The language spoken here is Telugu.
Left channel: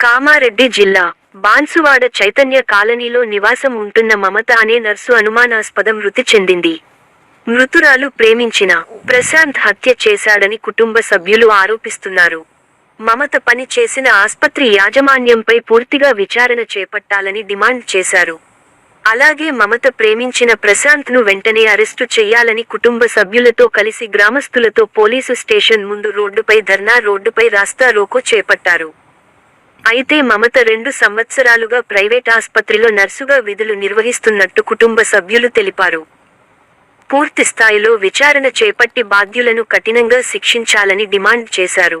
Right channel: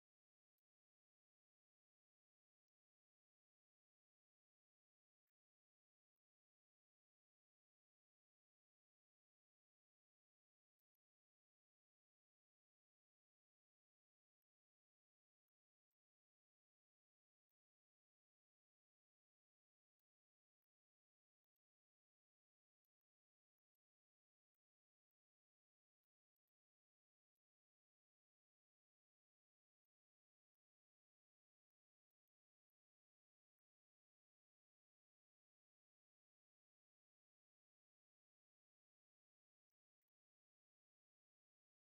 కామారెడ్డి జిల్లా బాన్సువాడ చైతన్య కాలనీలో నివాసం ఉంటున్న మమత అనే నర్సు అనుమానాస్పద మృతి చెందింది. మృతురాలు ప్రేమించిన ప్రశాంత్ హత్య చేశాడని కుటుంబ సభ్యులు ఆరోపిస్తున్నారు. మమత పని చేసిన ఆస్పత్రి యాజమాన్యంపై పూర్తిగా విచారణ చేపట్టాలని డిమాండ్ చేశారు. అలాగే మమత ప్రేమించిన ప్రశాంత్ను వెంటనే అరెస్టు చేయాలని కుటుంబ సభ్యులతో కలిసి గ్రామస్తులతో పోలీసు స్టేషన్ ముందు రోడ్డుపై ధర్నా రోడ్డుపై రాస్తా రోకో చేపట్టారు. అయితే మమత రెండు సంవత్సరాలుగా ప్రైవేట్ ఆస్పత్రిలో నర్సుగా విధులు నిర్వహిస్తున్నట్టు కుటుంబ సభ్యులు తెలిపారు. పూర్తి స్థాయిలో విచారణ చేపట్టి బాధ్యులను కఠినంగా శిక్షించాలని డిమాండ్ చేశారు.